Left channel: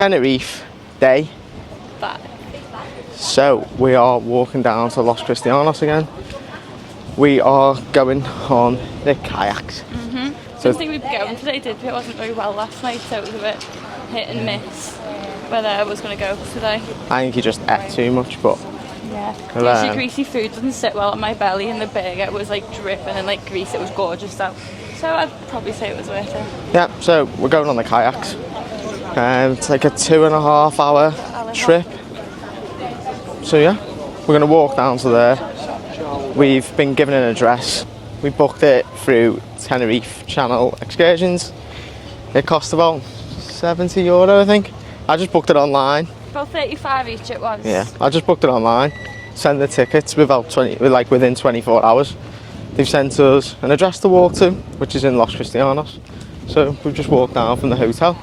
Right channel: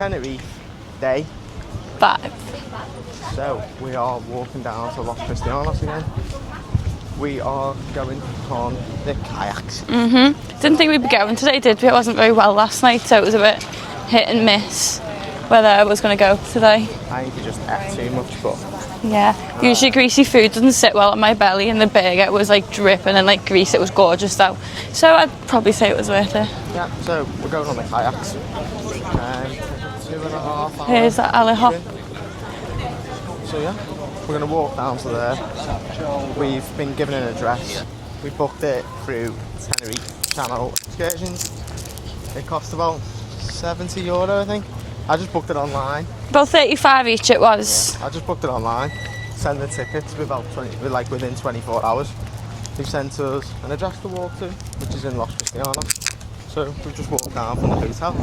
Tenerife, day 5. So we are walking down to Los Cristianos again. We are going on the kayaks. Didn't think we'd be going today, did we? It wasn't very well last night, so it was a bit hit and miss whether I was going to go today. I think you just ate too much, but yeah. Usually greasy food doesn't sit well on my belly, and the burger was like dripping and like grease. It was gorgeous though. So I'd probably say it was worth it. yeah, so we're going on the kayaks. It's like a 2.5 hour trip. So yeah, we're going to walk down to there. We've been given an address. We booked it through Tenerife Channel Excursions. It cost about €70, I think. I just booked it online. About 35 each it was. Yeah, I just booked it online. Sent the tickets within 24 hours. They've sent us an address to walk to, which is in Los Cristianos. So we've just walked down from the hotel.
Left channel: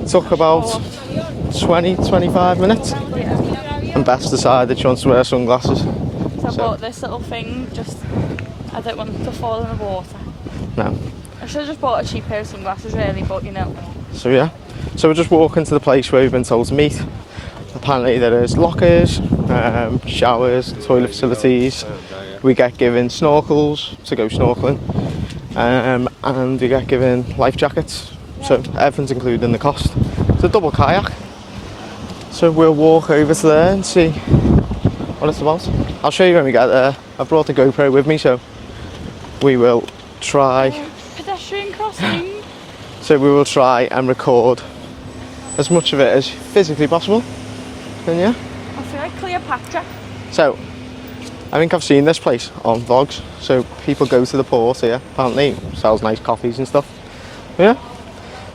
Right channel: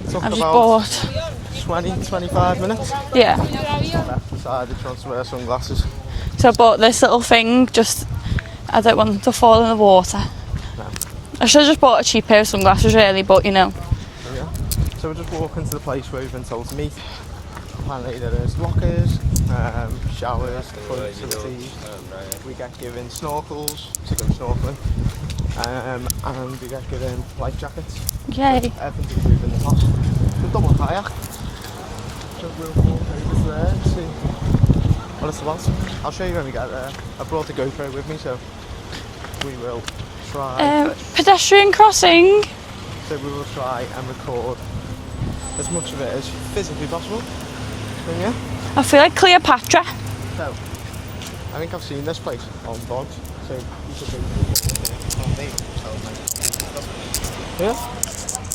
It took about 20-25 minutes. Yeah. And Beth decided she wants to wear sunglasses. So I bought this little thing, I don't want to fall in the water. No. I should have just bought a cheap pair of sunglasses really, but you know. So yeah, so we're just walking to the place where we've been told to meet. Apparently there is lockers, showers, toilet facilities. We get given snorkels to go snorkelling, and we get given life jackets. Yay. So everything's included in the cost. It's a double kayak. So we'll walk over to there and see what it's about. I'll show you when we get there. I brought the GoPro with me, so we will try. Pedestrian crossing. So we will try and record as much of it as physically possible. And yeah. I feel like Cleopatra. So I think I've seen this place on vlogs. So people go to the port here. Apparently sells nice coffees and stuff. Yeah.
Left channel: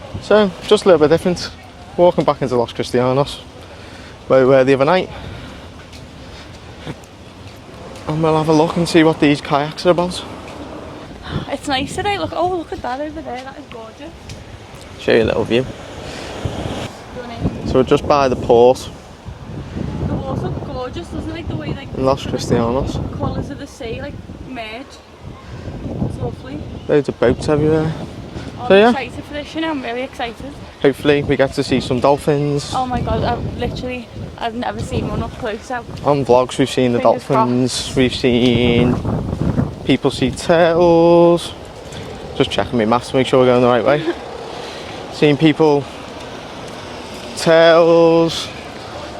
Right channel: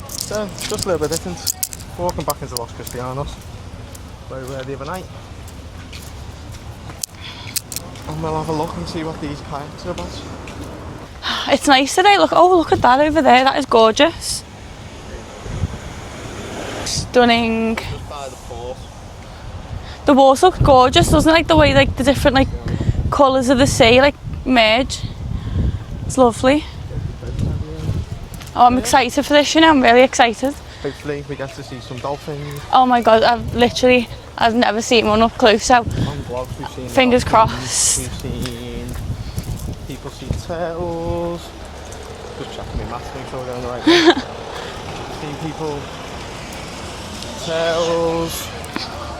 So just a little bit different. Walking back into Los Cristianos, where we were the other night. And we'll have a look and see what these kayaks are about. It's nice today. Look at that over there. That is gorgeous. Show you a little view. Stunning. So we're just by the port. The water looks gorgeous, doesn't it? Like the way the Los different Cristianos. colours of the sea merge. It's lovely. Loads of boats everywhere. Oh, I'm excited for this, you know, I'm really excited. Hopefully we get to see some dolphins. Oh my god, I've never seen one up close, so. On vlogs we've seen the Fingers dolphins, crossed. we've seen people see turtles. Just checking my maths to make sure we're going the right way. Seen people, turtles,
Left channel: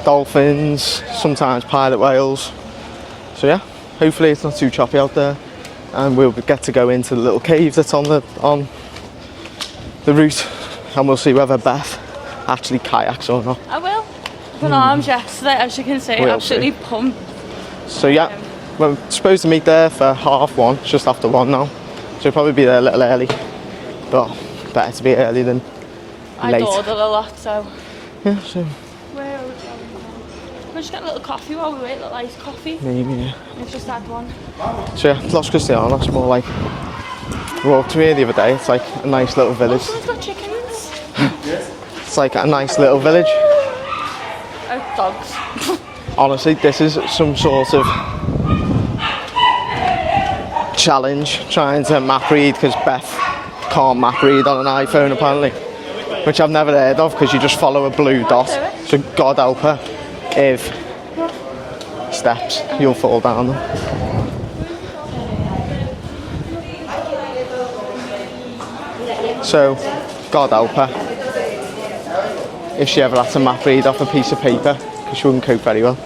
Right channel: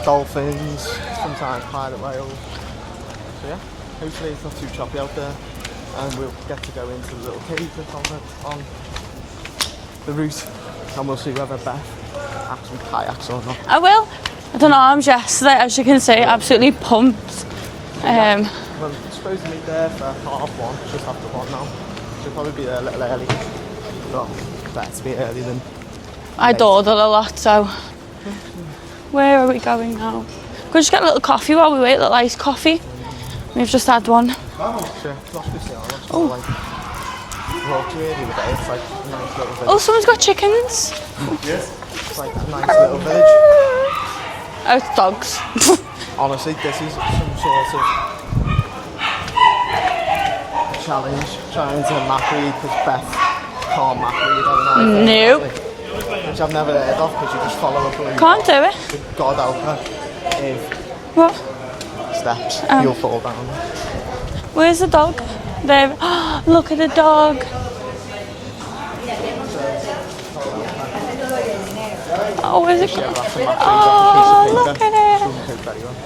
dolphins, sometimes pilot whales. So yeah, hopefully it's not too choppy out there. And we'll get to go into the little cave that's on the route, and we'll see whether Beth actually kayaks or not. I will. I don't know, I'm yesterday, as you can see, absolutely pumped. So yeah, we're supposed to meet there for 1:30, it's just after 1 now. So we'll probably be there a little early. But better to be early than I late. dawdle a lot, so. Yeah, so. Where are we going now? Could we just get a little coffee while we wait, a little iced coffee? Maybe, yeah. We've just had one. So yeah, Los Cristianos, or like, we walked to here the other day, it's like a nice little village. Oh, someone's got chickens. It's like a nice little village. Oh, it's dogs. Honestly, this is some sort of challenge, trying to map read, because Beth can't map read on an iPhone apparently. Which I've never heard of, because you just follow a blue dot. Can't do it. So God help her if What? steps, you'll fall down them. Where's the dog? There. Look at the dog. So, God help her Oh, where's if she ever has to map read off a piece of look paper. at it. She wouldn't cope very well.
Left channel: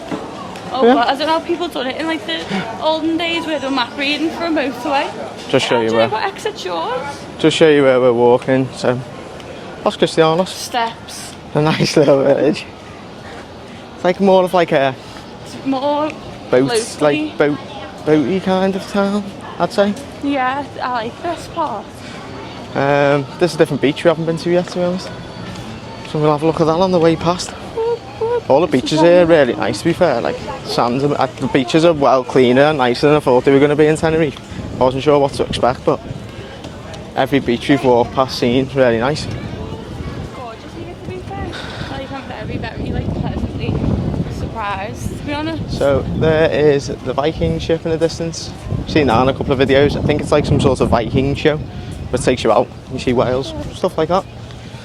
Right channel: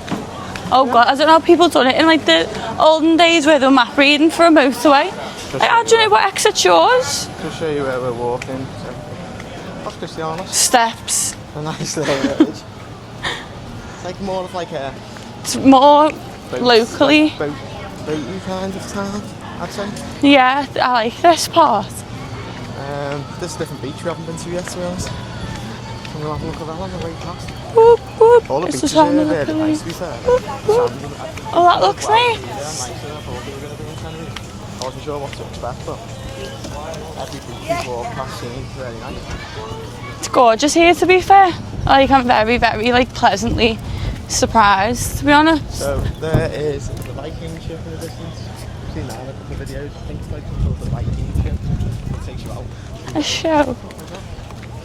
Oh god, I don't know how people done it in like the olden days where they were map reading for a motorway. Just show you Do you know where. what exit's yours? Just show you where we're walking. So, Los Cristianos, Steps. a nice little village. It's like more of like a It's more boat, locally. like boaty kind of town, I'd say. Yeah, I like this part. There's a different beach we haven't been to yet, to be honest. So we'll have a look at that on the way past. Whoop, whoop. All the It's beaches just here are on the- really nice, to be fair. Like sands, the beaches are looks well nice. cleaner and nicer than I thought they were going to be in Tenerife. I wasn't sure what to expect, but every beach we've walked past seen really nice. It's gorgeous here, to be fair. I'm very, very pleasantly surprised, to be honest. So there is the Viking ship in the distance. I've seen that in a couple of videos. I think it's like some sort of Viking show, but it takes you out. You see whales show. and stuff like that.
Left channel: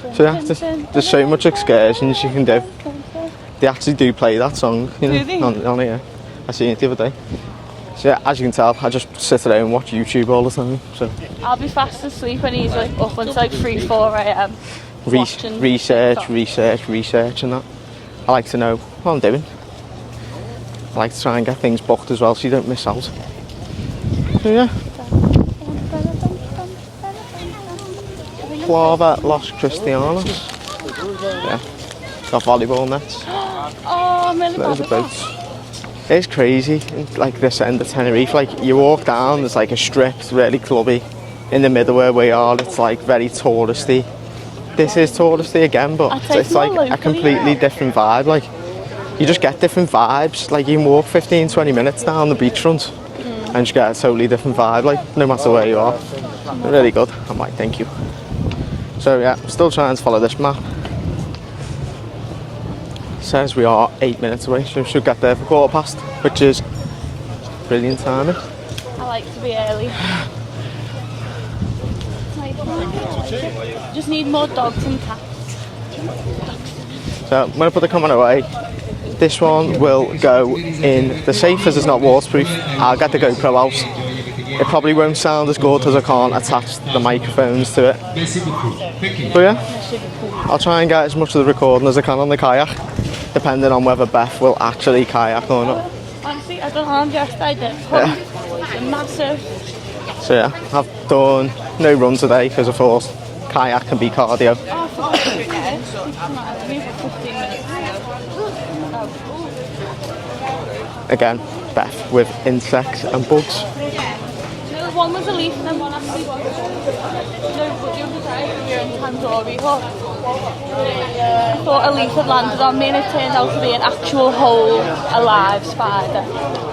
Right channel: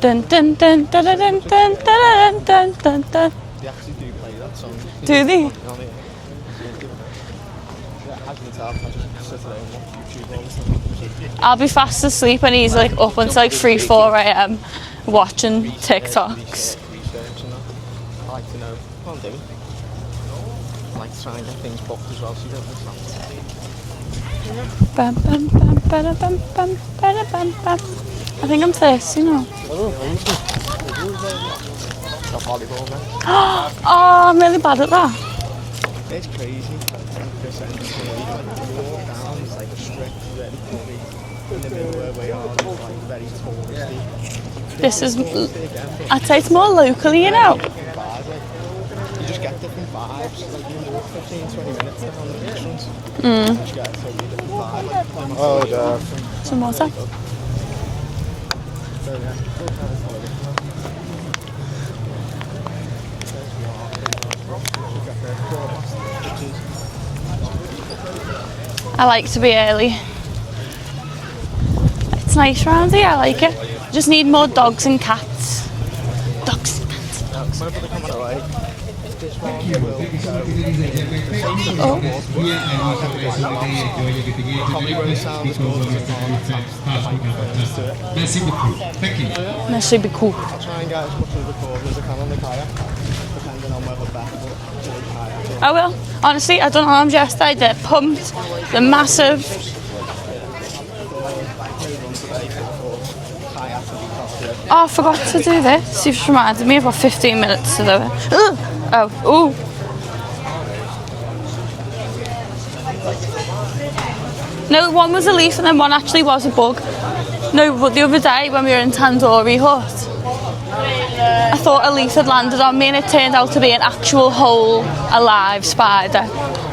there's so much excursions you can do. They actually do play that song. Do they? On here. I seen it the other day. So yeah, as you can tell, I just sit at home and watch YouTube all the time. So I'll be fast asleep and he's like up until like 3-4 a.m. watching TikToks. research and that. I like to know what I'm doing. I like to try and get things booked as well so you don't miss out. So yeah. I think I'm thirsty. Las Cristianas. Yeah. Got volleyball nets. Oh, I'm really bad at that. It's crazy, like this end of Tenerife, like you walk down, there's like a strip, it's really clubby. In the middle where we are, it's like very touristy. This is touristy again, but it's more like locally, a completely different vibe. Like you just get different vibes. Like you can walk 15-20 minutes down the beachfront and just get a totally different vibe, like no matter where you are. Really good. I'm like, thank you. So yeah, still trying to follow this map. Says we are 8 minutes away, so we should get there for 1/4 past, which is brilliant timing. I like to be early. It's nice around here, I like it. Just need more dogs and cats. Dogs and cats. So I'm going to put the camera away. This one will go in the safe as it's not waterproof. I'll get the GoPro out. It probably won't sound as good as I can't attach the microphones to it. But yeah, That should be cool. I'll try and get as much of the recording as I can on the kayak, depending on whether Beth will actually kayak or not. I will. Honestly, I done arms yesterday, they're pumped. They're massive. So yeah, I've done no run today because I thought kayak can be cardio. Oh, I forgot to do this. You've reminded me. I've got 15 minutes to do it. Oh, ooh. Again, Beth with insects and bugs. No, one was a leaf and then one actually was a bug. No, but the other day when we were in Tandoori Hut, I thought a leaf had landed on me and it turned out to be an actual whole, alive spider.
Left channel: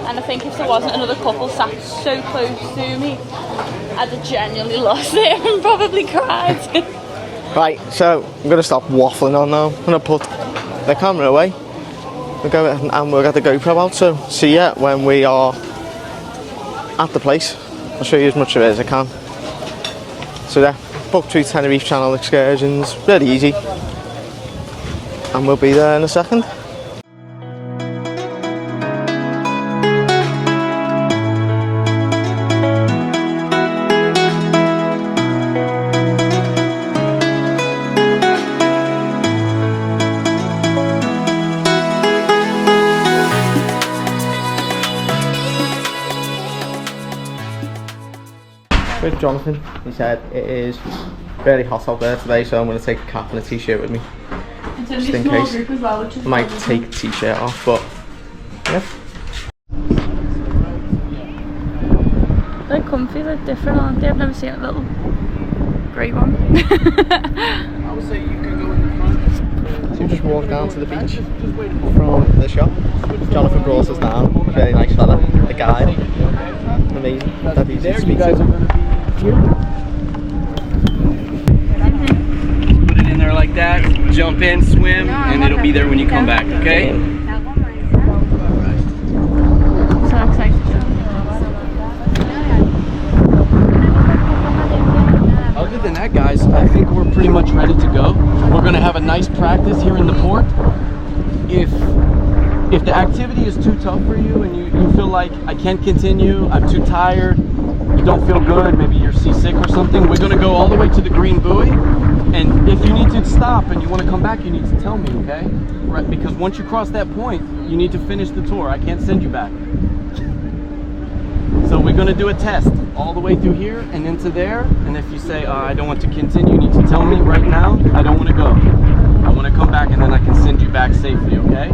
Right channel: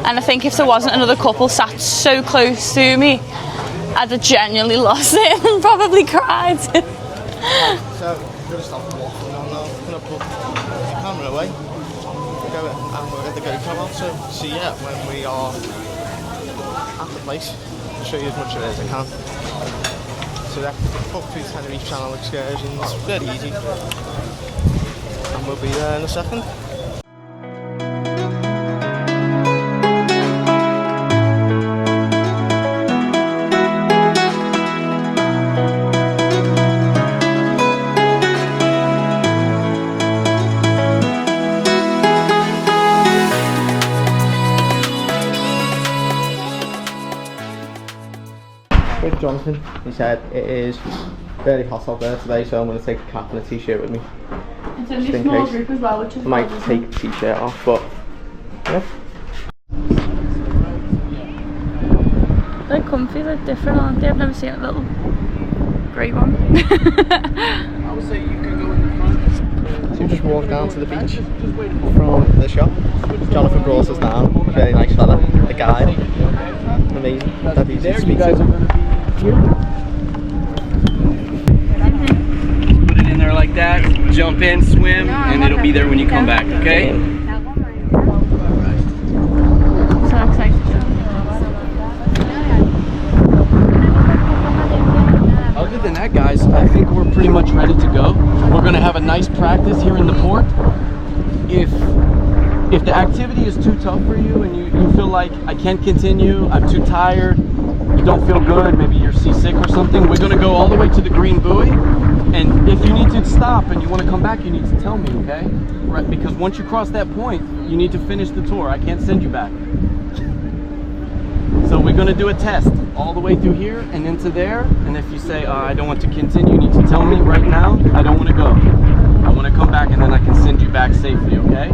And I think if there wasn't another couple sat so close to me, I'd have genuinely lost it and probably cried. Right, so I'm going to stop waffling on now. I'm going to put the camera away. We'll go and we'll get the GoPro out. So see ya when we are at the place. I'll show you as much of it as I can. So yeah, book through Tenerife Channel excursions, really easy. And we'll be there in a second. With Jonathan, he said it is very hot out there today, so I'm going to take a cap and a t-shirt with me. It's only a small group as well, which is I might take the t-shirt off, but yeah. They're comfy, they're different, aren't they? I've never seen a little grey one. I would say you can go in the front. So we just walked down to the beach from the shop. Jonathan brought us down, very nice fella, the guide. Amazing, that easy to speak to. Put it in there like that, jump in, swim, and it'll be there when you come back, okay? So excited. Other than that, guys, I think we're pretty much ready to go. We're going to have a nice practice here in the port. If the activity is too tough for you and you feel like I can't continue, I'm too tired, you don't feel good, maybe you're seasick or something, we're going to go all the way to the green buoy, and if you need to stop and you want to come back, you need to tell me, okay? Right, because once you cross that point, you need to finish the tour. I can't send you back. So we're going to do a test all the way through here and into there, and if you say I don't want to continue, you need to tell me right now, I don't want to go. I want to come back and then I can send you back safely, okay?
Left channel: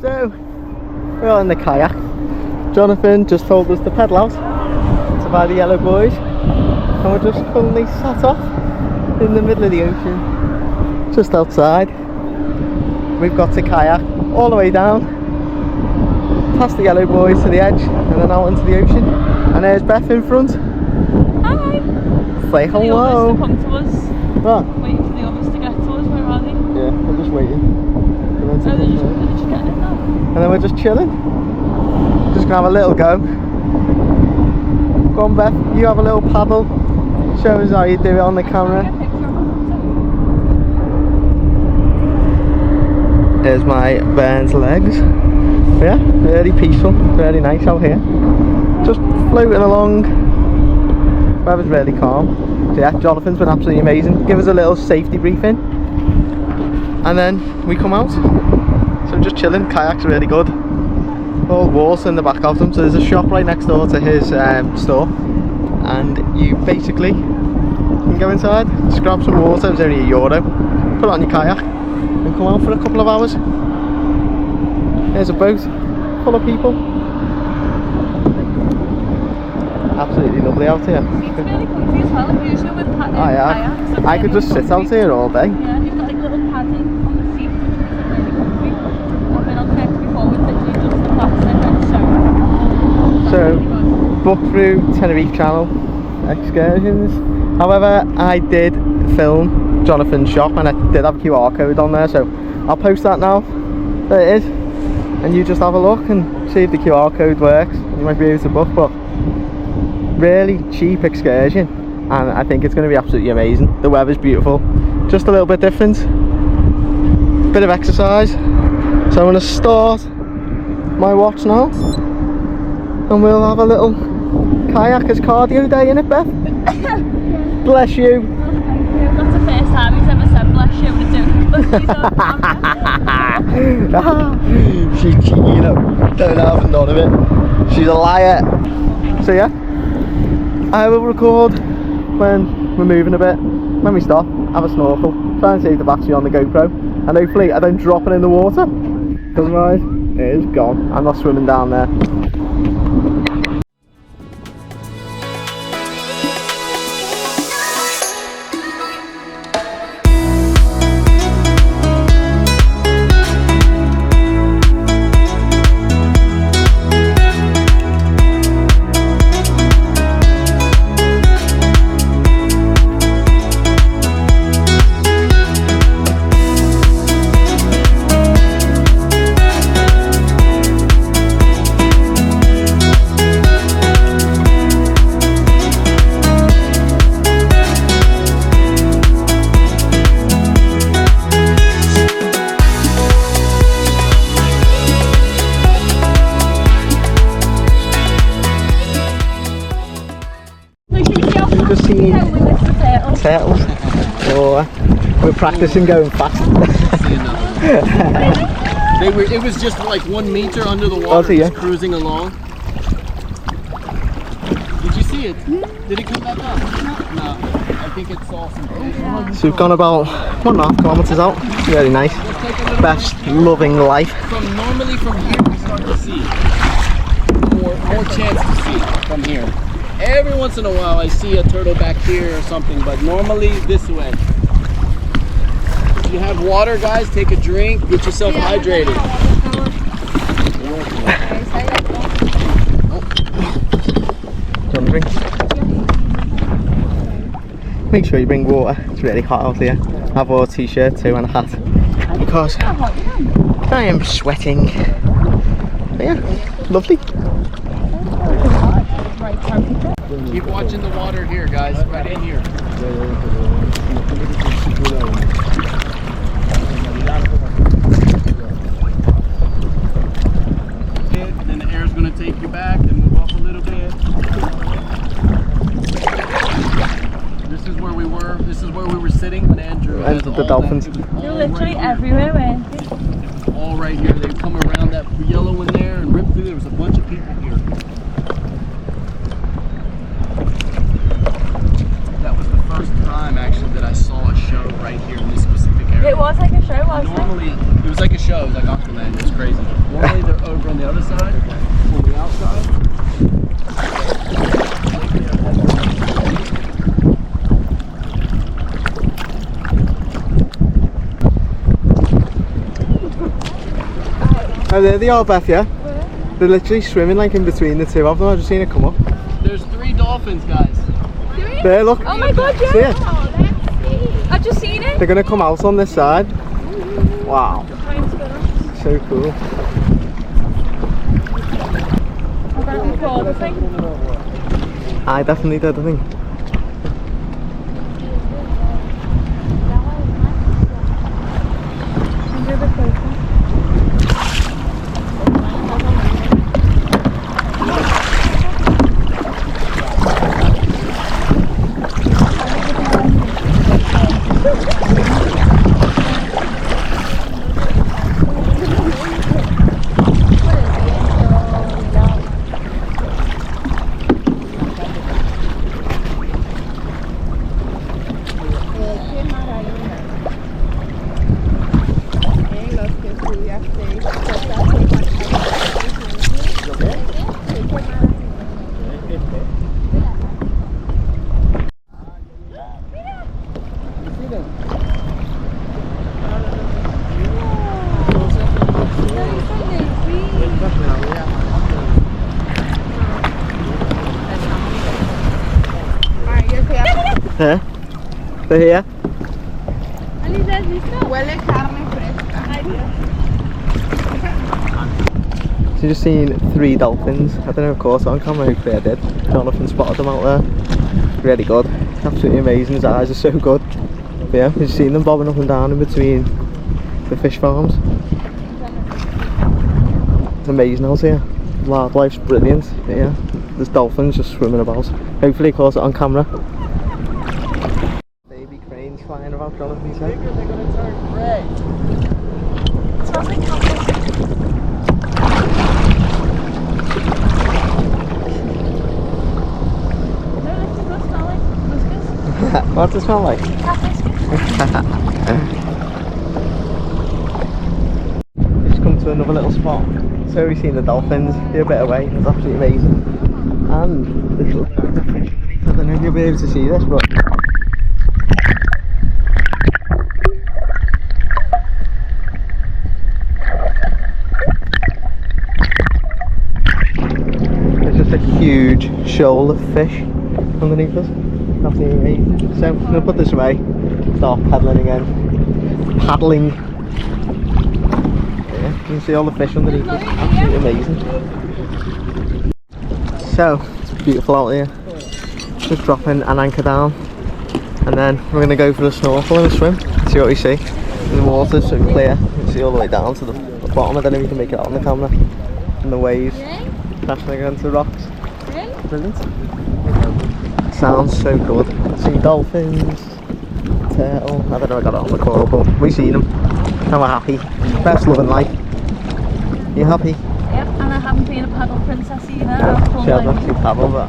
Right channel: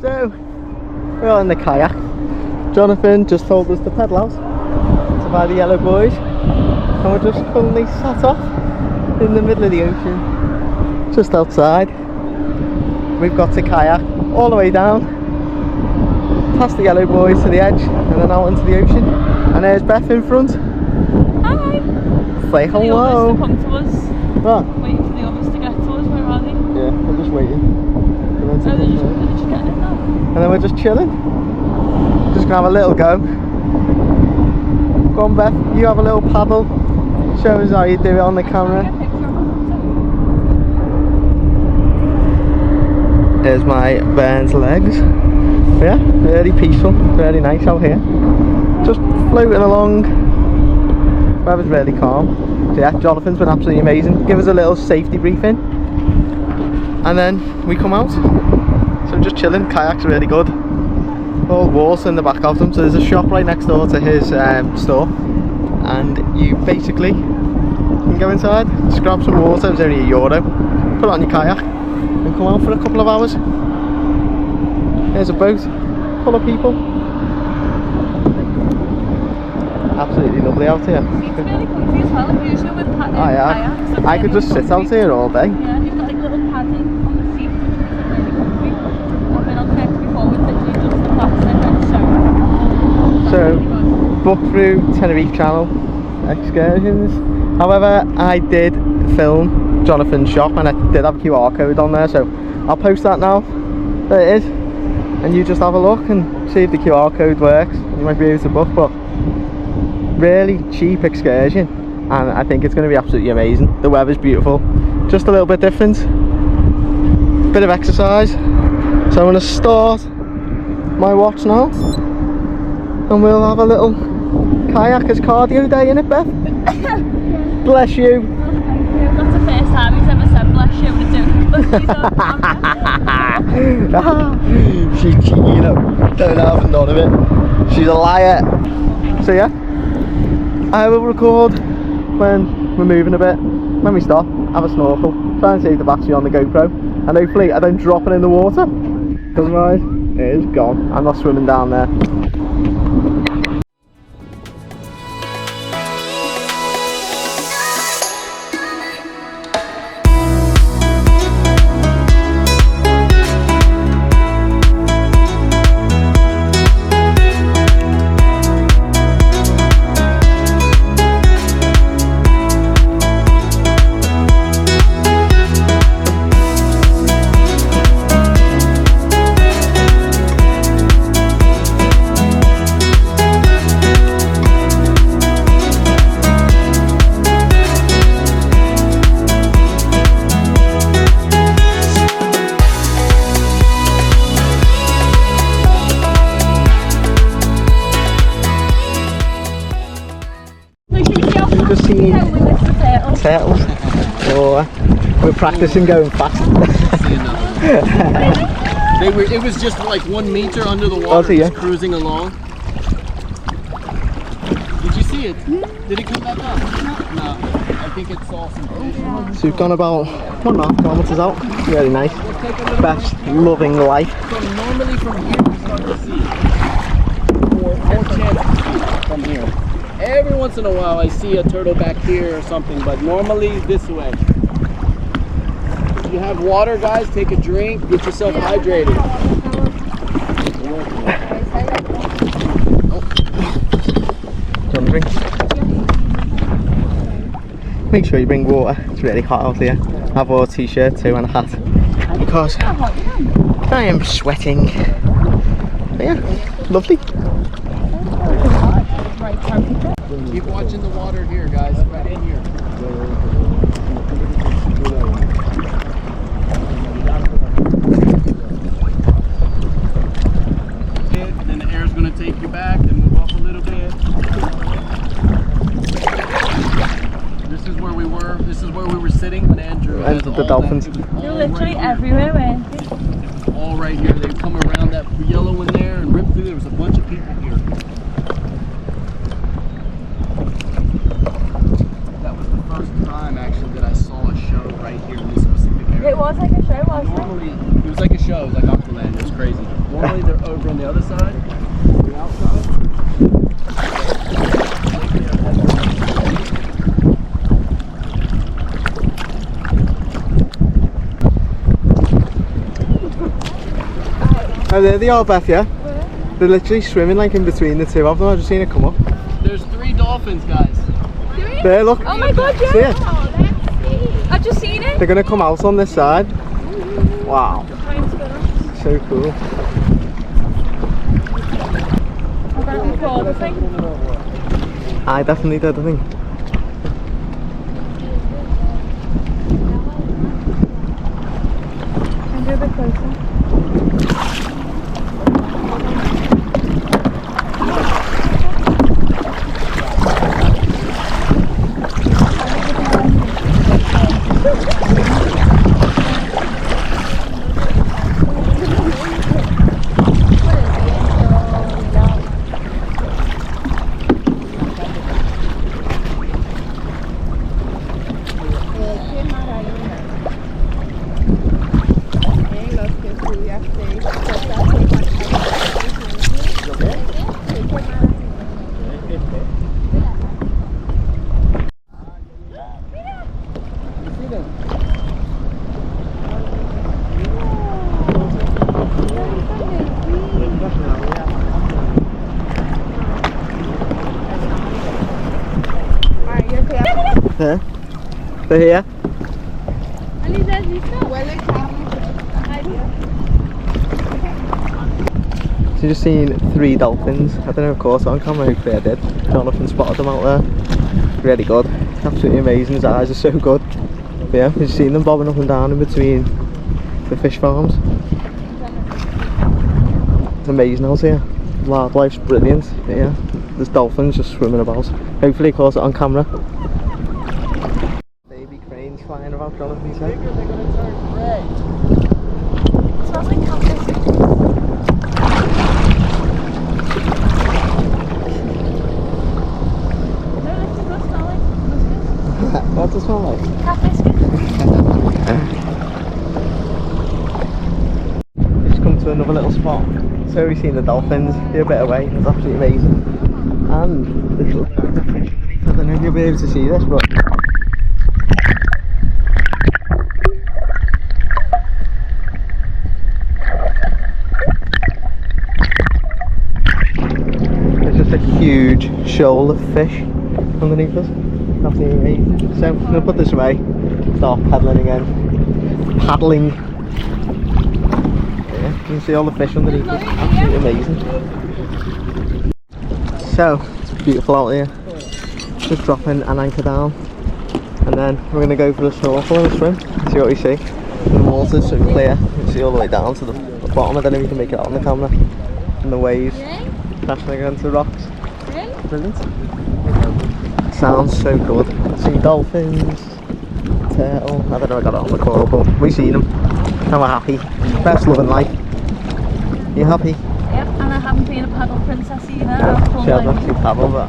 So, we're on the kayak. Jonathan just told us to pedal out to buy the yellow boys, and we're just currently sat off in the middle of the ocean, just outside. We've got to kayak all the way down, past the yellow boys to the edge, and then out into the ocean. And there's Beth in front. Hi. Say hello. The others to come to us. What? Waiting for the others to get to us. Where are they? Yeah, we're just waiting. Oh, they're just getting in now. And then we're just chilling. Just gonna have a little go. Go on, Beth, you have a little paddle. Show us how you do it on the camera. There's my Burns legs. Yeah, really peaceful, really nice out here. Just floating along. Weather's really calm. So yeah, Jonathan's been absolutely amazing. Give us a little safety briefing. And then we come out. So I'm just chilling. Kayak's really good. All water in the back of them. So there's a shop right next door to his store. And you basically can go inside, just grab some water. It's only €1. Put it on your kayak and come out for a couple of hours. There's a boat full of people. Absolutely lovely out here. It's really comfy as well. Usually with kayaks. I could just sit out here all day. Yeah, you've got like little padding on the seat, which is really comfy. I've been on kayaks before with literally just the plastic and So, book through Tenerife channel excursions. However, I did film Jonathan's shop and I did have a QR code on there, so I'll post that now. There it is. And you just have a look and see if the QR code works. You might be able to book, but really cheap excursion, and I think it's going to be absolutely amazing. The weather's beautiful, just a little bit different, bit of exercise. So I'm going to start my watch now, and we'll have a little kayak as cardio day, innit, Beth? Bless you. That's the first time he's ever said bless you to do. She's cheeky, you know, don't have none of it. She's a liar. So yeah, I will record when we're moving a bit. When we stop, have a snorkel, try and save the battery on the GoPro, and hopefully I don't drop it in the water, because otherwise it is gone. I'm not swimming down there. Just seen turtles. Oh, we're practicing going fast. It was just like 1 meter under the water, just cruising along. Did you see it? Did it come back up? No. I think it saw some fish. So we've gone about 1.5 kilometers out. Really nice. Best loving life. So normally from here we start to see more chance to see from here. Every once in a while I see a turtle back here or something, but normally this way. If you have water, guys, take a drink, get yourself hydrated. Do you want a drink? Make sure you bring water, it's really hot out here. I have a t-shirt too and a hat, because I am sweating. But yeah, lovely. Keep watching the water here, guys, right in here. Then the air's going to take you back and move up a little bit. This is where we were. This is where we were sitting when Andrew entered the Dolphins. They're literally everywhere, weren't they? All right here. They come around that yellow one there and rip through. There was a bunch of people here. Actually, that I saw a show right here in this specific area. It was like a show, wasn't Normally, it was like a show, it was like Aqualand, it was crazy. Normally they're over on the other side, on the outside. Oh, there they are, Beth, yeah? They're literally swimming like in between the two of them. I've just seen it come up. There's 3 dolphins, guys. There, look. Oh my god, yeah! See it? I've just seen it! They're going to come out on this side. Wow. So cool. I definitely did, I think. A bit closer. There. They're here. Huele carne fresca. Ay, Dios. So you just seen 3 dolphins. I don't know, of course, on camera. Hopefully I did. Jonathan spotted them out there. Really good. Absolutely amazing. His eyes are so good. But yeah, you've seen them bobbing up and down in between the fish farms. It's amazing out here. Wildlife's brilliant. But yeah, there's dolphins just swimming about. Hopefully, of course, on camera. Baby cranes flying about, Jonathan said. They're gonna turn gray. It smells like cactus. What's it smell like? We've just come to another little spot. So we've seen the dolphins, they're a bit away, it's absolutely amazing. And this little fish underneath, I don't know if you'll be able to see this, but there's just a huge shoal of fish underneath us. Absolutely amazing. So I'm going to put this away, start paddling again. Paddling. Yeah, you can see all the fish underneath us. Absolutely amazing. So, it's beautiful out here. Just dropping an anchor down. And then we're going to go for a snorkel and a swim. See what we see. The water's so clear. You can see all the way down to the bottom. I don't know if you can make it out on the camera. And the waves crashing against the rocks. Brilliant. Sounds so good. See dolphins, turtle. I don't know if I got it on the call, but we've seen them and we're happy. Best loving life. You happy? Yep, and I haven't been a paddle princess either. No, she hasn't actually paddled, but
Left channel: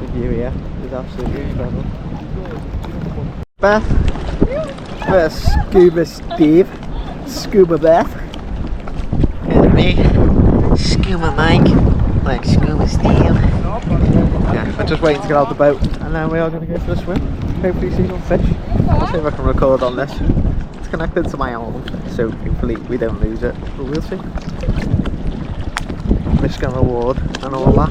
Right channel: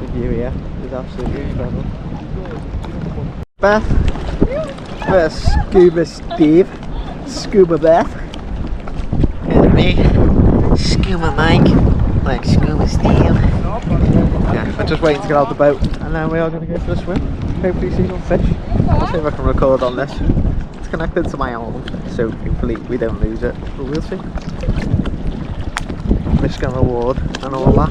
the view here is absolutely incredible. Beth, where's Scuba Steve? Scuba Beth. Here's me, Scuba Mike, like Scuba Steve. Yeah, we're just waiting to get out the boat and then we are going to go for a swim. Hopefully see some fish. I'll see if I can record on this. It's connected to my arm, so hopefully we don't lose it, but we'll see. Risk and reward and all that.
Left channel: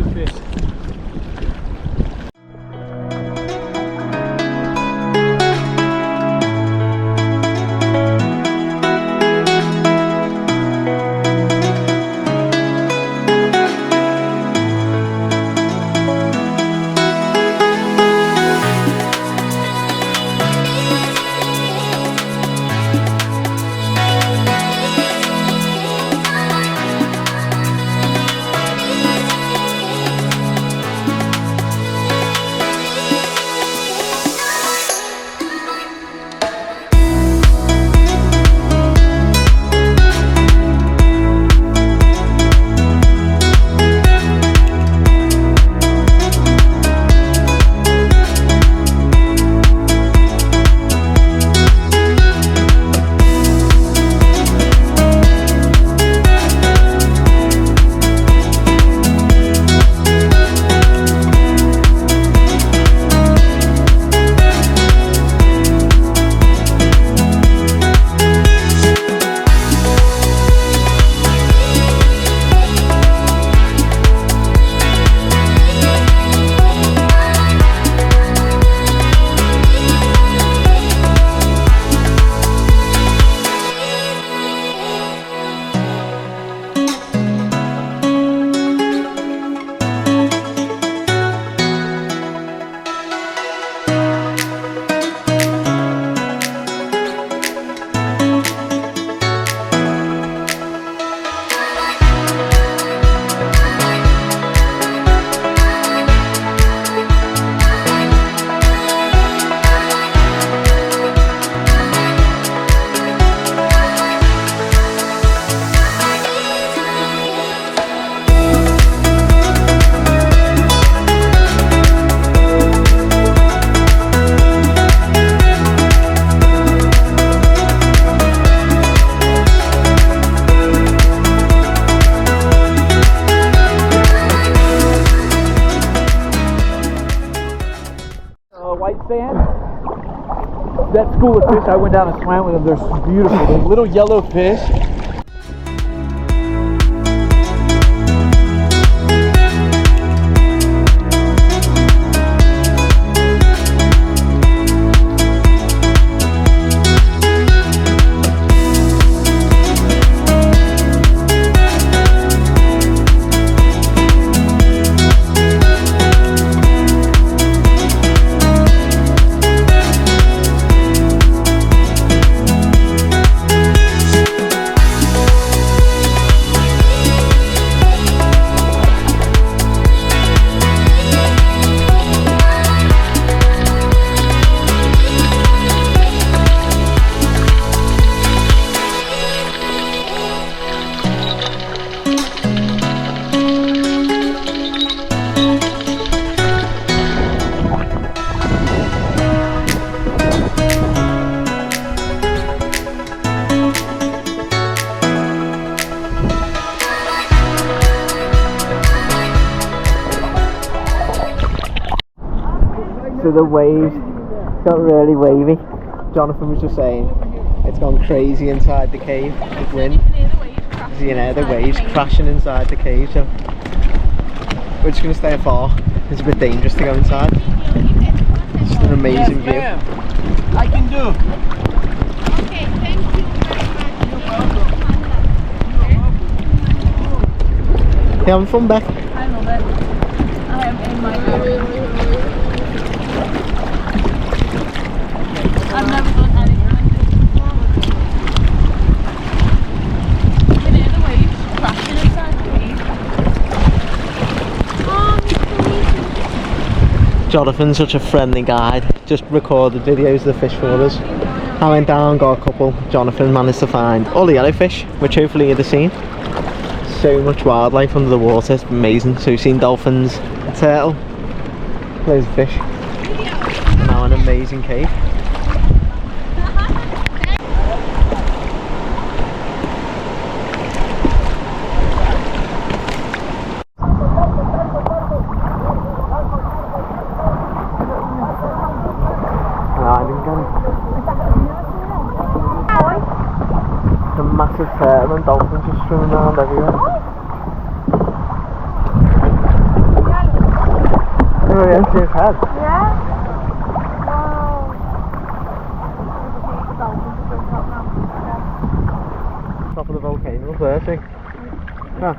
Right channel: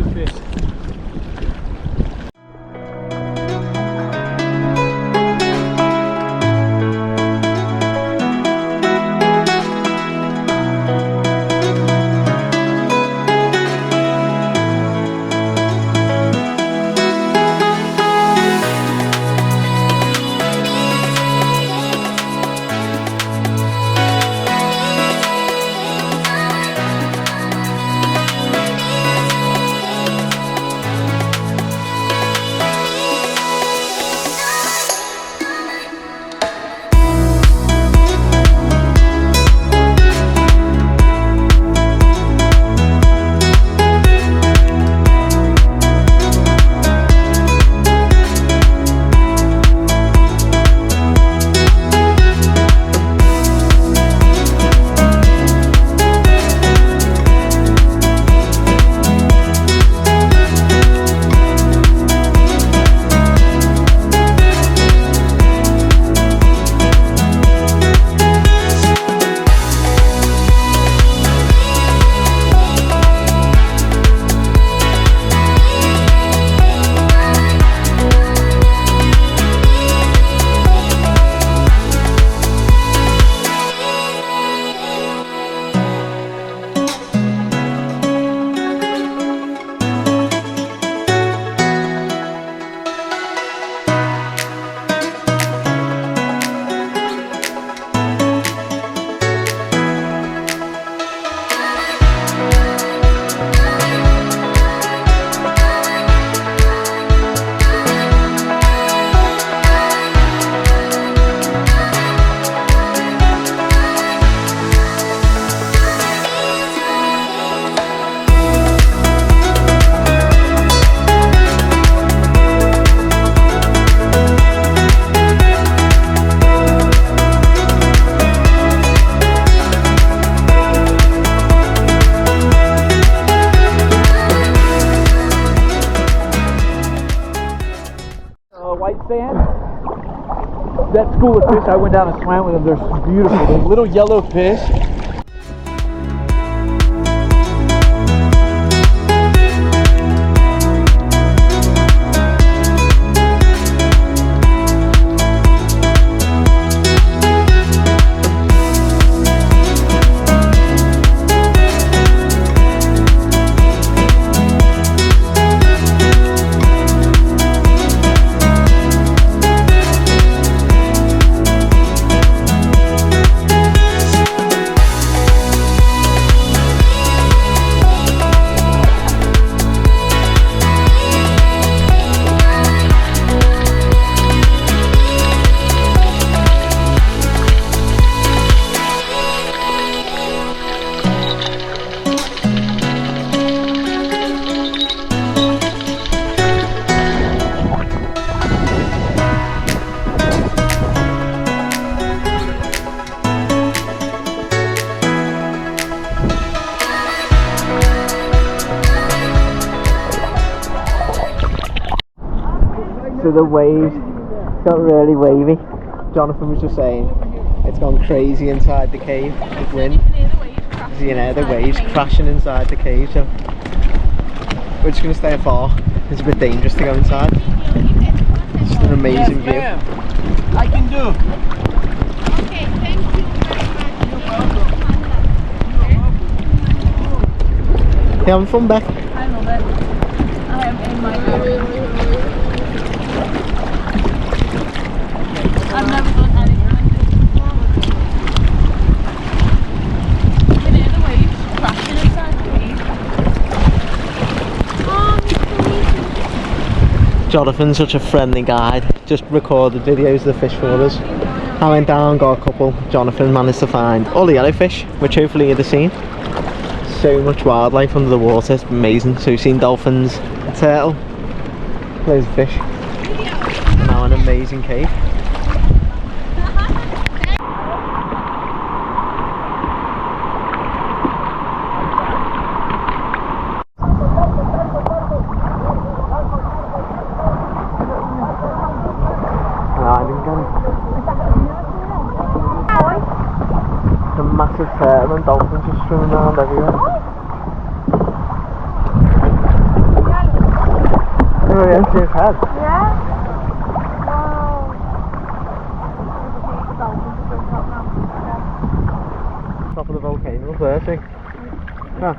that school of fish, I went down and swam with them. They're beautiful. They're little yellow fish. So the waves got really wavy. Jonathan was just saying it's gone crazy inside the cave with wind. So, you know, the waves crashing inside the cave, so we're just going to stay afar. It's a bit dangerous to go inside. It's just an amazing view. I can do. Okay, thank you very much. You having fun, Beck? I love it. I am in my mood. I've never done anything like this before. You can hear the waves crashing inside the cave. Jonathan's such a friendly guide. Just recorded videos of the fish for us. I went down, got a couple. Jonathan managed to find all the yellowfish, which hopefully you'd have seen. So much wildlife under the water, it's amazing. So we've seen dolphins, a turtle, loads of fish. Now an amazing cave. A massive turtle and dolphins just swimming around everywhere. Oh, yeah, see his head. Yeah? Top of the volcano there, see? Yeah.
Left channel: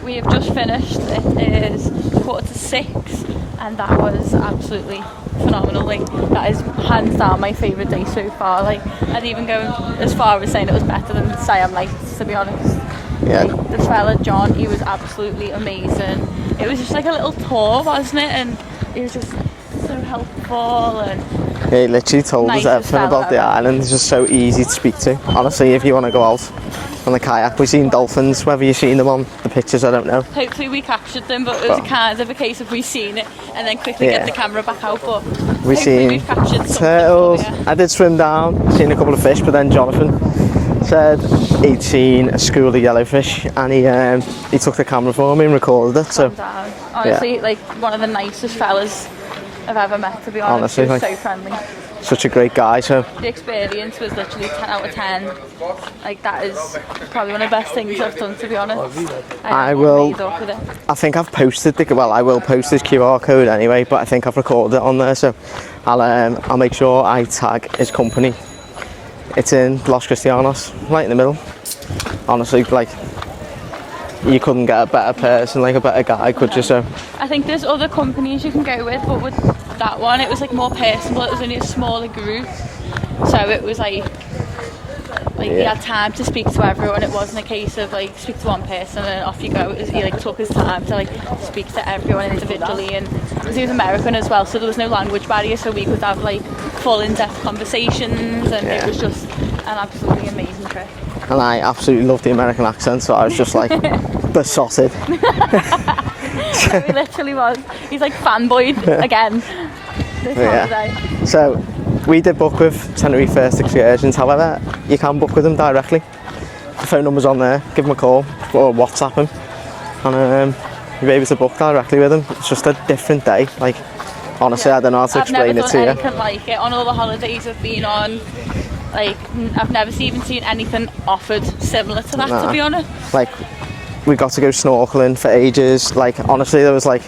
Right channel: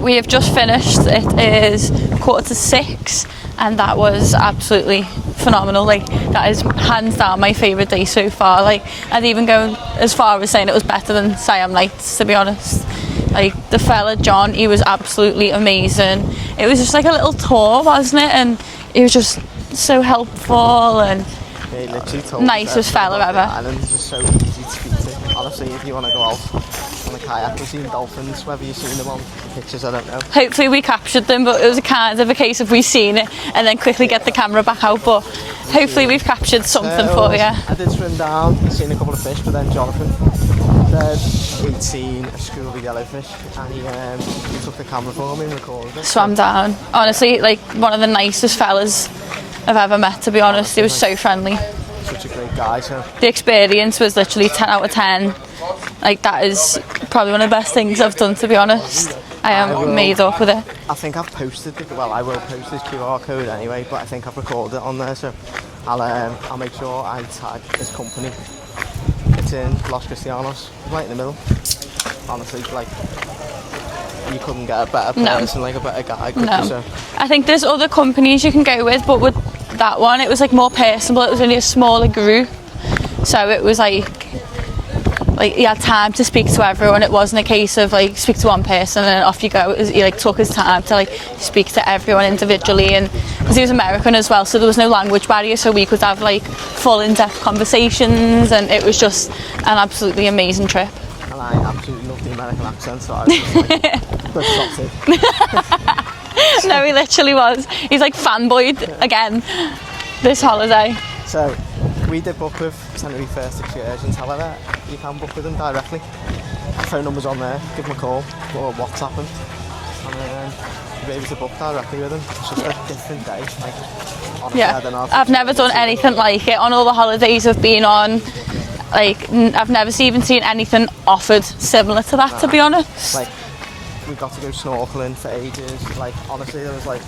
We have just finished. It is 6:15 and that was absolutely phenomenal. Like, that is hands down my favourite day so far. Like, I'd even go as far as saying it was better than Siam Nights, to be honest. Yeah. Like, the fella John, he was absolutely amazing. It was just like a little tour, wasn't it? And he was just so helpful and Yeah, he literally told us everything about the island. It's just so easy to speak to. Honestly, if you want to go out on the kayak, we've seen dolphins. Whether you've seen them on the pictures, I don't know. Hopefully we captured them, but it was kind of a case of we've seen it and then quickly get the camera back out. But hopefully we've captured something for you. I did swim down, seen a couple of fish, but then Jonathan said he'd seen a school of yellowfish, and he took the camera for me and recorded us. Swam down. Honestly, like one of the nicest fellas I've ever met, to be honest. He was so friendly. Such a great guy. So the experience was literally 10 out of 10. Like, that is probably one of the best things I've done, to be honest. I am made up with it. I think I've posted I will post his QR code anyway, but I think I've recorded it on there, so I'll make sure I tag his company. It's in Los Cristianos, right in the middle. Honestly, like, you couldn't get a better person, like a better guy, could you? So I think there's other companies you can go with, but with that one it was like more personable. It was only a smaller group, so it was like you had time to speak to everyone. It wasn't a case of like speak to one person and off you go. It was, he like took his time to like speak to everyone individually, and because he was American as well, so there was no language barrier, so we could have like full in-depth conversations, and it was just an absolutely amazing trip. And I absolutely loved the American accent, so I was just like besotted. No, he literally was. He's like fanboyed again this holiday. So we did book with Tenerife First Excursions. However, you can book with them directly. Phone number's on there. Give them a call or WhatsApp them, and you're able to book directly with them. It's just a different day. Like, honestly, I don't know how to I've explain never it done to you. anything like it on all the holidays I've been on. Like, I've never even seen anything offered similar to that, to be honest. Like, we got to go snorkelling for ages. Like, honestly, there was like,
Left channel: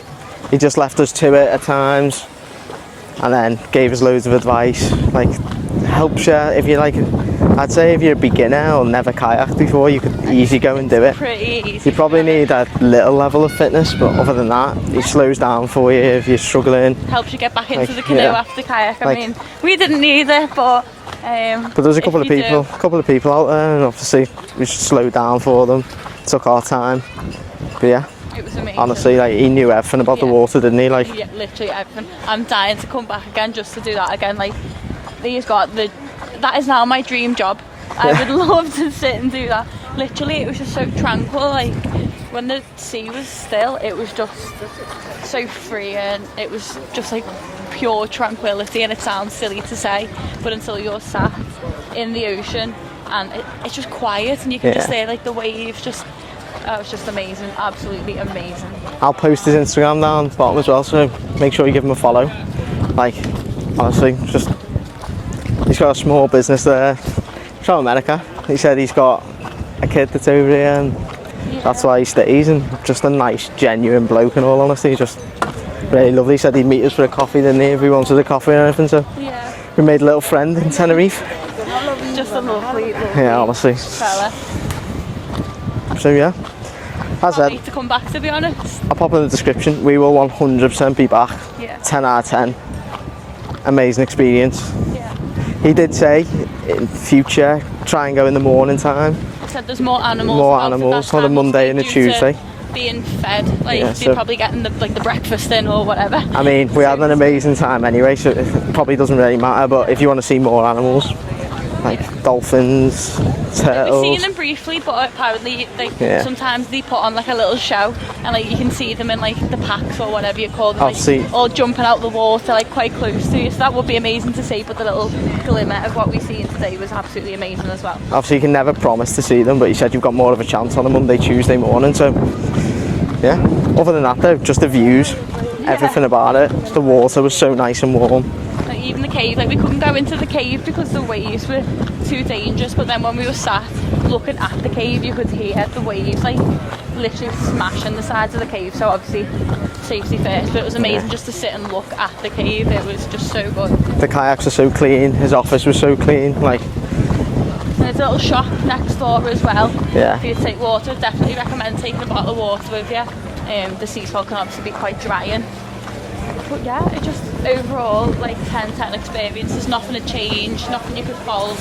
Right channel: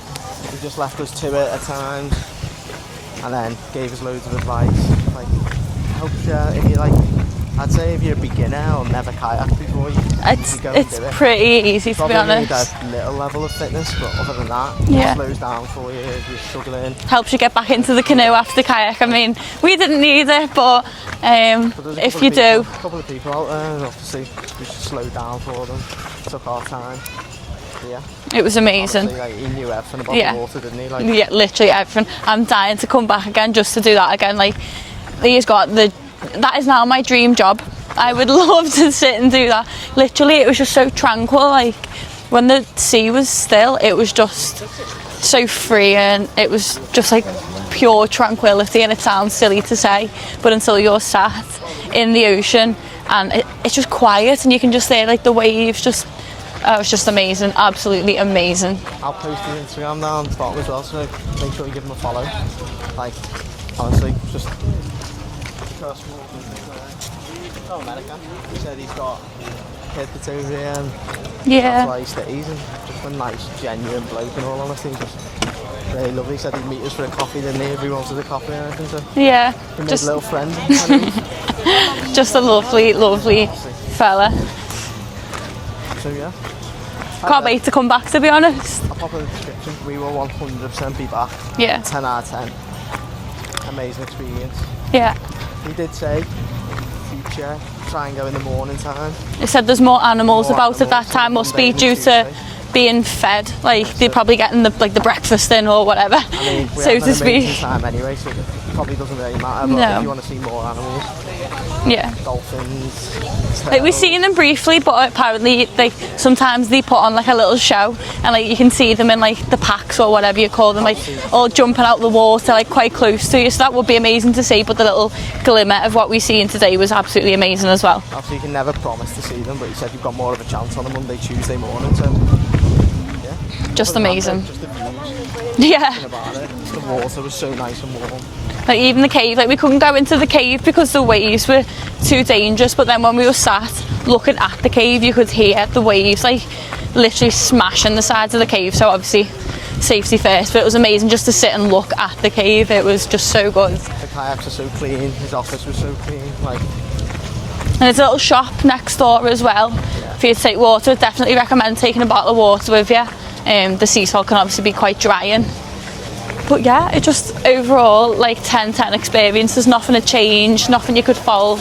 he just left us to it at times, and then gave us loads of advice. Like, helps you if you're like, I'd say if you're a beginner or never kayaked before, you could easily go and do it. It's pretty easy, You probably to be need honest. a little level of fitness, but other than that, it slows down for you if you're struggling. Helps you get back into the canoe after kayak. I Like- mean, we didn't need it, but there's a if couple you of people out there, and obviously we just slowed down for them. Took our time. But yeah, it was amazing. honestly, like, he knew everything about the water, didn't he? Like, Yeah, literally everything. I'm dying to come back again just to do that again. Like, that is now my dream job. I would love to sit and do that. Literally, it was just so tranquil. Like, when the sea was still, it was just so free, and it was just like pure tranquility. And it sounds silly to say, but until you're sat in the ocean and it's just quiet, and you can just hear like the waves just. It was just amazing, absolutely amazing. I'll post his Instagram down the bottom as well, so make sure you give him a follow. Like, honestly, just he's got a small business there from America. He said he's got a kid that's over here, and that's why he stays. And just a nice, genuine bloke. In all honesty, just really lovely. He said he'd meet us for a coffee, didn't he? If we wanted a coffee or anything. So we made a little friend in Tenerife. Just a lovely honestly. fella. So yeah. Can't wait to come back, to be honest. I'll pop in the description. We will 100% be back. Yeah. 10 out of 10. Amazing experience. Yeah. He did say in future try and go in the morning time. He said there's more animals about at that time. Must be due to being fed. Like they're probably getting the breakfast in or whatever. I mean, we have an amazing time anyway, so it probably doesn't really matter. But if you want to see more animals, like dolphins, turtles. Like, we've seen them briefly, but apparently sometimes they put on like a little show, and like you can see them in like the packs or whatever you call them, like all jumping out the water, like quite close to you. So that would be amazing to see. But the little glimmer of what we seen today was absolutely amazing as well. Obviously, you can never promise to see them, but you said you've got more of a chance on a Monday, Tuesday morning. So yeah, just amazing. Just the views, everything about it. The water was so nice and warm. Like even the cave, like we couldn't go into the cave because the waves were too dangerous, but then when we were sat looking at the cave, you could hear the waves like literally smashing the sides of the cave. So obviously safety first, but it was amazing just to sit and look at the cave. It was just so good. The kayaks are so clean, his office was so clean, like. And there's a little shop next door as well. Yeah. If you take water, I'd definitely recommend taking a bottle of water with you. The sea salt can obviously be quite drying. But yeah, it just overall like 10/10 experience. There's nothing to change, nothing you could fault,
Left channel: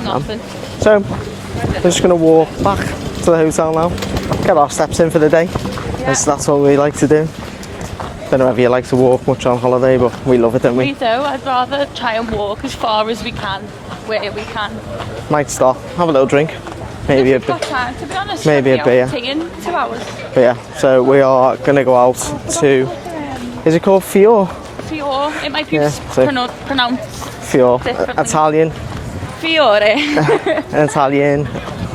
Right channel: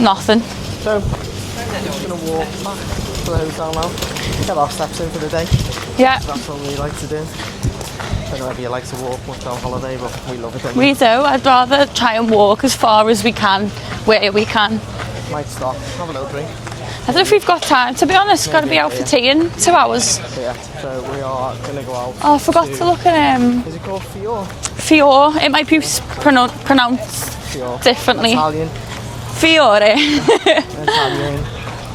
nothing. So we're just gonna walk back to the hotel now. Get our steps in for the day. Yeah. That's what we like to do. Don't know if you like to walk much on holiday, but we love it, don't we? We do. I'd rather try and walk as far as we can, where we can. Might stop, have a little drink. I don't know if we've got time, to be honest. We've got to be out for tea in 2 hours. But yeah, so we are going to go out I forgot to look at Is it called Fiore? Fiore. It might be pronounced Fiore. differently. Italian. Fiore. Italian.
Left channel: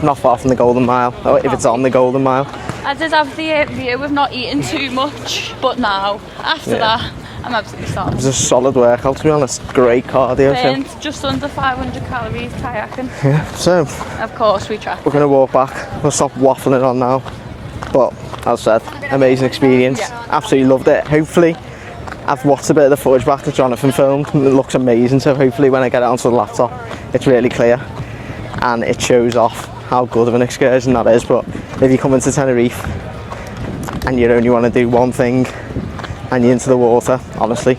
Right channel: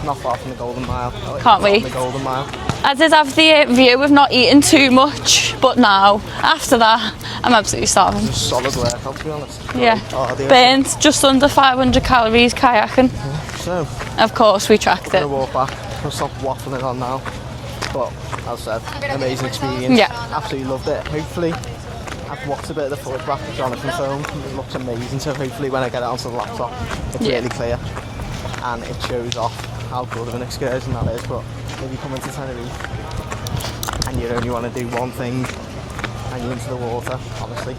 Not far from the Golden Mile. Oh, if it's on the Golden Mile. I did have the view of not eating too much, but now, after that, I'm absolutely starving. It was a solid workout, to be honest. Great cardio. Burnt just under 500 calories kayaking. Yeah, so. Of course, we tracked We're going to walk back. We'll stop waffling on now. But, as I said, amazing experience. Yeah. Absolutely loved it. Hopefully, I've watched a bit of the footage back that Jonathan filmed. It looks amazing, so hopefully when I get it onto the laptop, it's really clear. And it shows off how good of an excursion that is. But if you come into Tenerife and you only want to do one thing and you're into the water, honestly,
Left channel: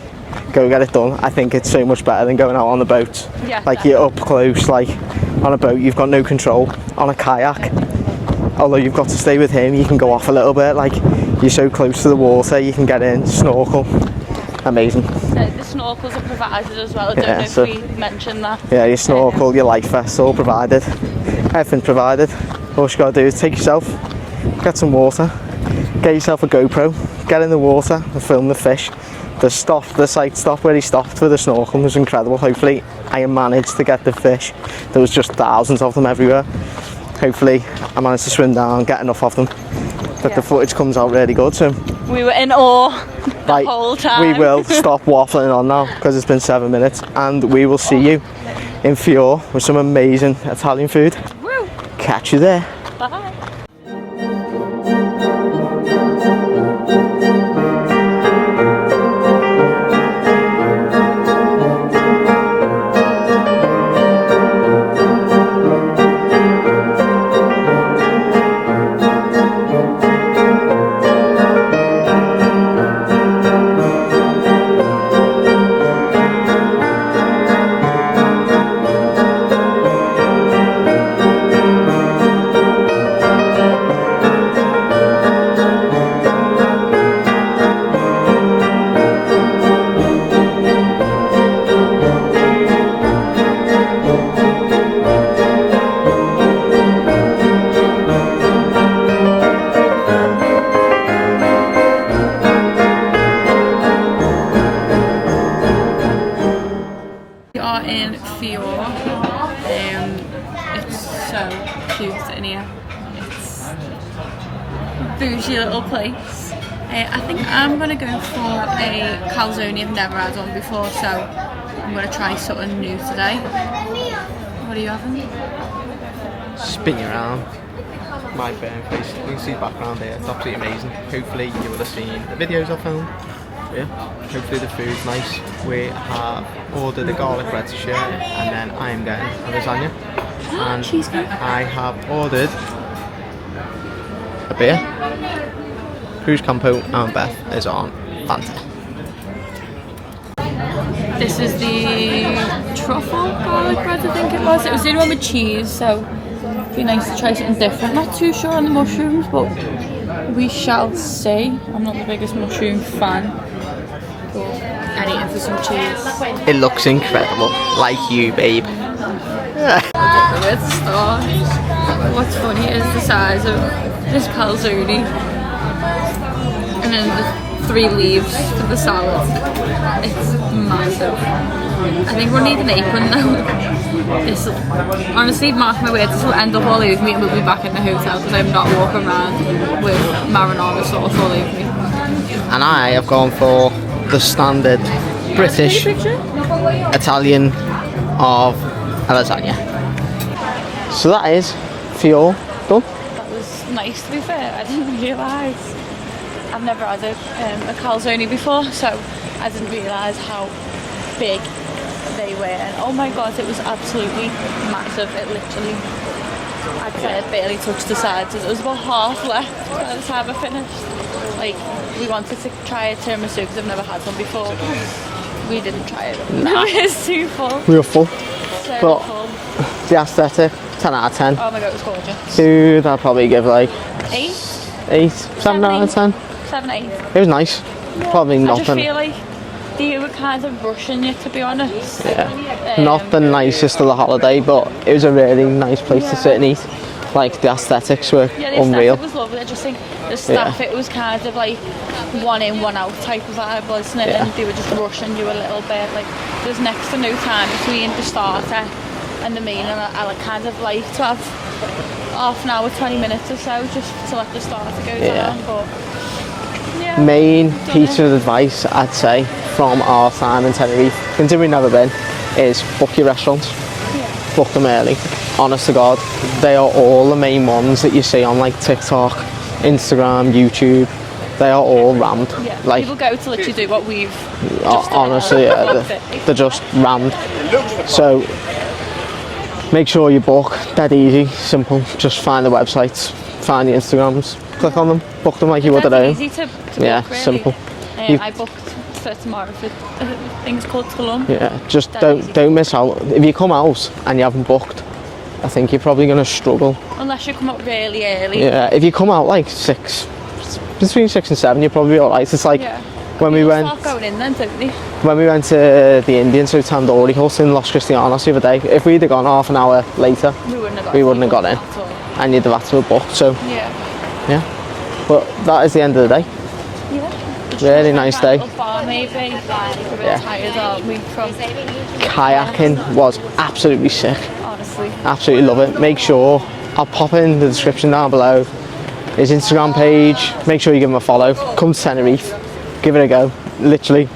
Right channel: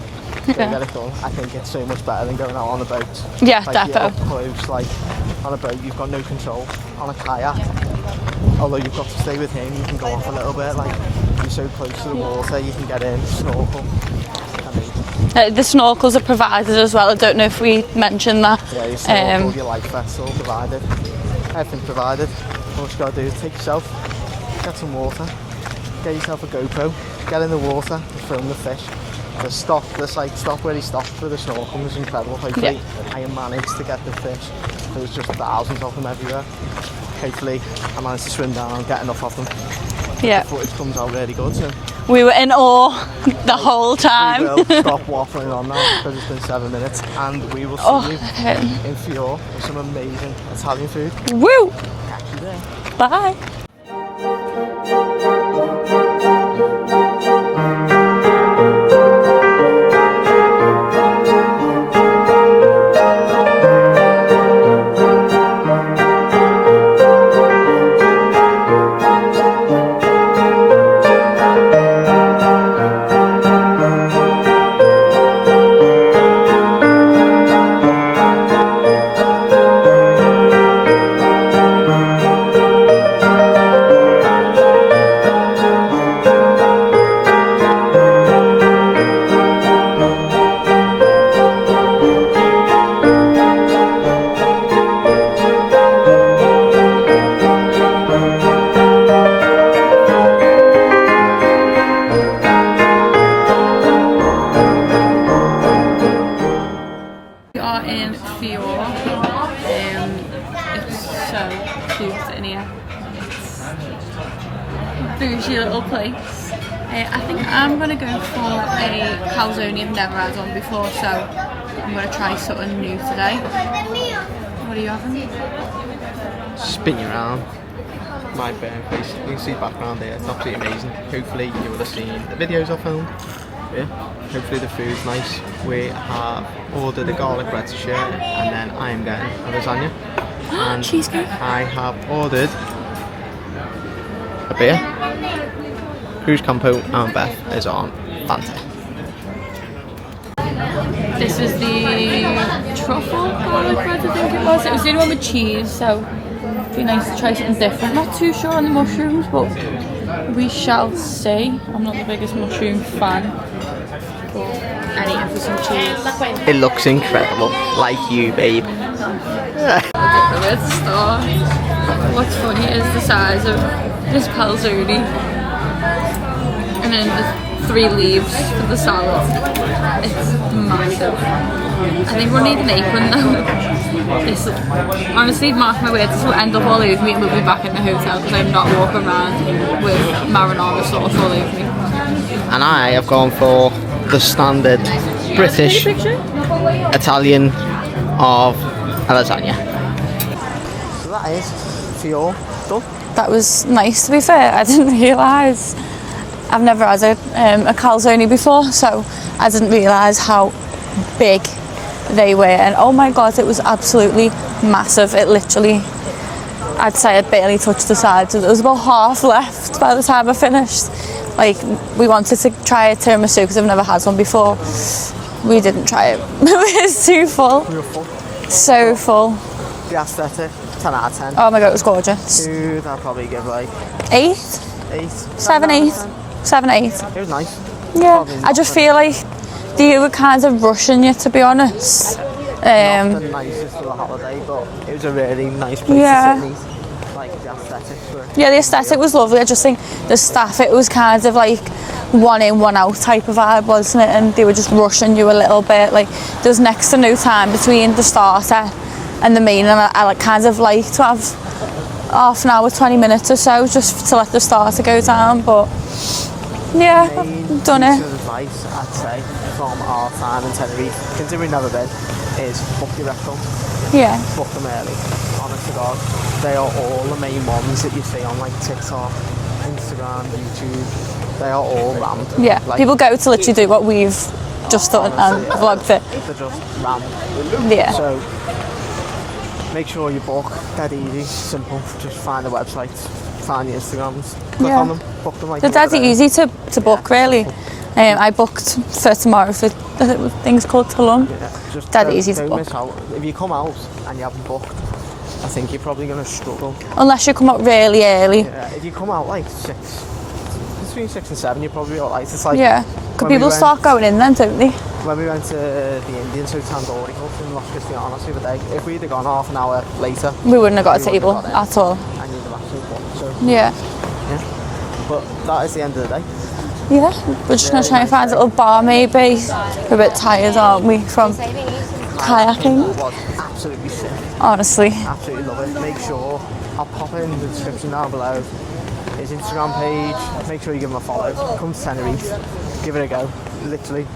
go get it done. I think it's so much better than going out on the boat. Yeah, like definitely. You're up close, like on a boat you've got no control. On a kayak, although you've got to stay with him, you can go off a little bit. Like you're so close to the water, you can get in, snorkel. Amazing. The snorkels are provided as well. I don't know if we mentioned that. Yeah, your snorkel, your life vest, all provided. Everything's provided. All you got to do is take yourself, get some water, get yourself a GoPro, get in the water and film the fish. The stop where he stopped for the snorkel was incredible. Hopefully I managed to get the fish. There was just thousands of them everywhere. Hopefully I managed to swim down and get enough of them. But the footage comes out really good. So we were in awe the whole time. We will stop waffling on now because it's been 7 minutes, and we will see you in Fiore with some amazing Italian food. Woo! Catch you there. Bye. We are in Fiore. It's so cute in here. It's a bougie little place. I think I'm going to go for a calzone. I've never had one before, so I'm going to try something new today. What are you having? Spin your arm. My burn face. You can see the background there. It's absolutely amazing. Hopefully you will have seen the videos I filmed. Yeah, hopefully the food's nice. We have ordered a garlic bread shirt, and then I am getting a lasagna. And I have ordered a beer. Cruz Campo and Beth is on Fanta. This is the truffle garlic bread, I think it was. It was the only one with cheese, so it'd be nice to try something different. Not too sure on the mushrooms, but we shall see. I'm not the biggest mushroom fan, but I need it for some cheese. It looks incredible, like you, babe. I don't know where to start. What's funny is the size of this calzone, and then the 3 leaves for the salad. It's massive. I think we'll need an apron though. This, honestly, mark my words, this will end up all over me and we'll be back in the hotel because I'm not walking around with marinara sauce all over me. And I have gone for the standard British Italian of a lasagna. So that is Fiore done. That was nice, to be fair. I didn't realise. I've never had a calzone before, so I didn't realise how big they were. And oh my god, it was absolutely massive. It literally, I'd say it barely touched the sides. There was about half left by the time I finished. Like, we wanted to try a tiramisu because I've never had one before. We didn't try it. It's too full. We were full. So full. The aesthetic, 10 out of 10. Oh my god, it was gorgeous. Dude, I'd probably give like 8? 8, 7, 8. 7, 8. It was nice. Yeah, Probably I just nothing. feel like they were kind of rushing you, to be honest. Yeah. Not the nicest of the holiday, but it was a really nice place to sit and eat. Like, the aesthetics were Yeah, the aesthetic unreal. was lovely. I just think the staff, it was kind of like one in, one out type of vibe, wasn't it? And they were just rushing you a little bit. Like, there was next to no time between the starter and the main, and I like, kind of like to have half an hour, 20 minutes or so just to let the starter go down, but yeah, main done piece it. of advice I'd say from our time in Tenerife, considering we've never been, is book your restaurants. Yeah. Book them early. Honest to God, they are all the main ones that you see on like TikTok, Instagram, YouTube. They are all rammed. Yeah, like, people go to literally do what we've just done. Honestly, They're just rammed. Yeah. So make sure you book. Dead easy, simple. Just find the websites, find the Instagrams, click on them, book them like you would That's at home. easy to book, really. Simple. I booked for tomorrow for things called Tulum. Yeah, just Dead easy to don't book. miss out. If you come out and you haven't booked, I think you're probably going to struggle. Unless you come out really early. Yeah, if you come out like 6, between 6 and 7, you're probably alright. It's like People start going in then, don't they? when we went to the Indians, so Tandoori Hut in Los Cristianos the other day, if we'd have gone half an hour later, We wouldn't have got a we wouldn't table have got in. at all. And you'd have had to have booked. So Yeah. But that is the end of the day. Yeah, we're just going Really to try and nice find day. a little bar maybe. We're a bit tired, aren't we, from Kayaking was absolutely sick. honestly. Absolutely love it. Make sure, I'll pop in the description down below, his Instagram page. Make sure you give him a follow. Come to Tenerife, give it a go. Literally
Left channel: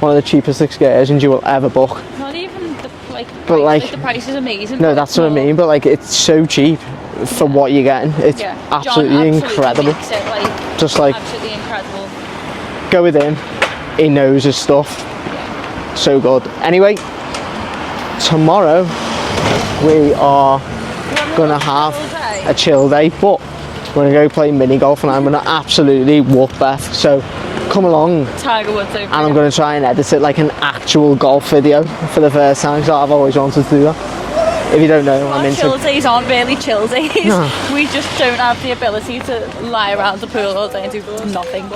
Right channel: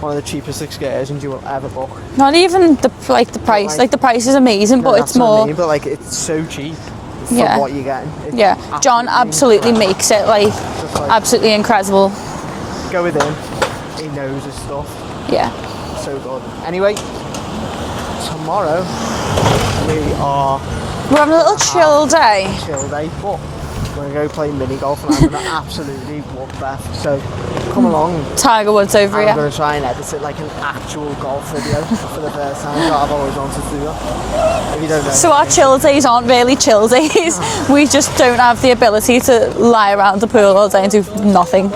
one of the cheapest excursions you will ever book. Not even the price, like- the price is amazing, No, but that's it's what more. I mean, but like it's so cheap for Yeah. what you're getting. It's Yeah, John absolutely incredible. makes it like Just like absolutely incredible. go with him. He knows his stuff. Yeah. So good. Anyway, tomorrow we are We're on a little gonna chill have day. a chill day, but we're gonna go play mini golf and I'm gonna absolutely whoop Beth. So come along. Tiger Woods over I'm here. going to try and edit it like an actual golf video for the first time. So I've always wanted to do that. If you don't know, So I'm our into- chill days aren't really chill days. We just don't have the ability to lie around the pool all day and do nothing.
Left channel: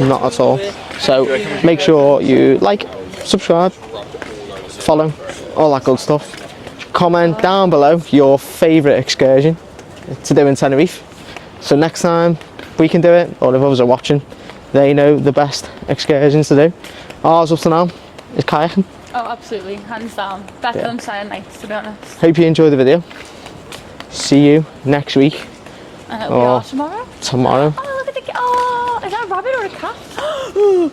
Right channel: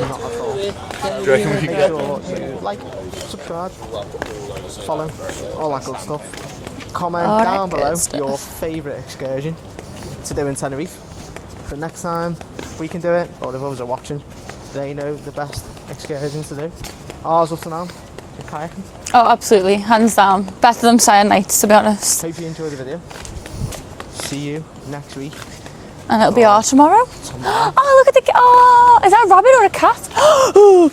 Not at all. So make sure you like, subscribe, follow, all that good stuff. Comment down below your favourite excursion to do in Tenerife. So next time we can do it, or if others are watching, they know the best excursions to do. Ours up to now is kayaking. Oh, absolutely, hands down. Better than Saturday nights, to be honest. Hope you enjoy the video. See you next week, And it'll be ours tomorrow. tomorrow. Oh, look at the. Oh, is that a rabbit or a cat?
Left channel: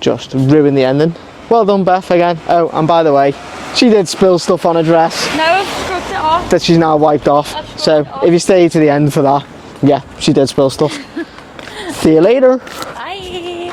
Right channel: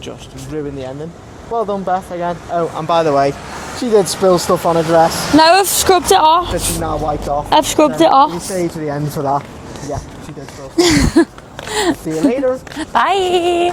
Just ruin the ending. Well done, Beth, again. Oh, and by the way, she did spill stuff on her dress No, I've scrubbed it off. that she's now wiped off. I've scrubbed So it off. if you stay to the end for that, yeah, she did spill stuff. See you later. Bye.